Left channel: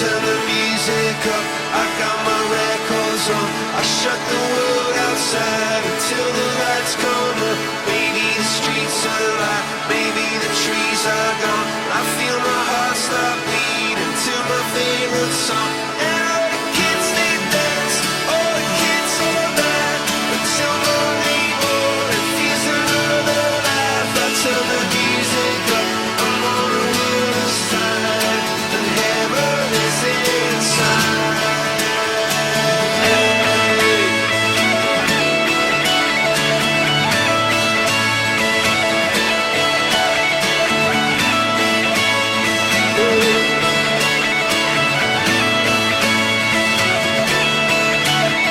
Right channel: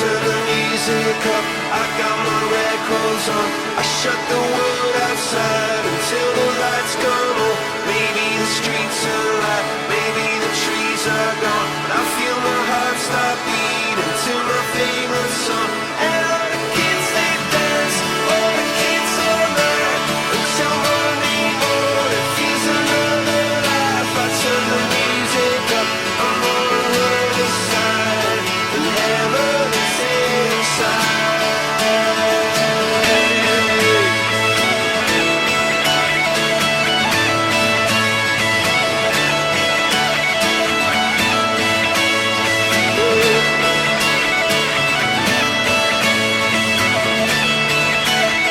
turn the music up, I got my records on. I shut the world outside until the lights come on. Maybe the streets are alive, maybe the trees are gone. I feel my heart stop beating to my favorite song. And all the kids they dance, all the kids all night until morning morning feels another life. I turn the music up, I'm on the other side, and heaven is inside.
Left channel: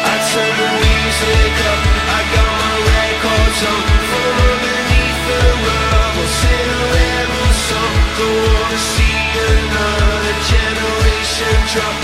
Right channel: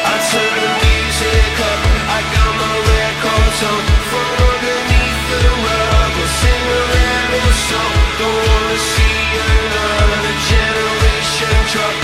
I turn the music up, I got my records on. From underneath the rug, we'll sing a rebel song. Don't wanna see another generation drop.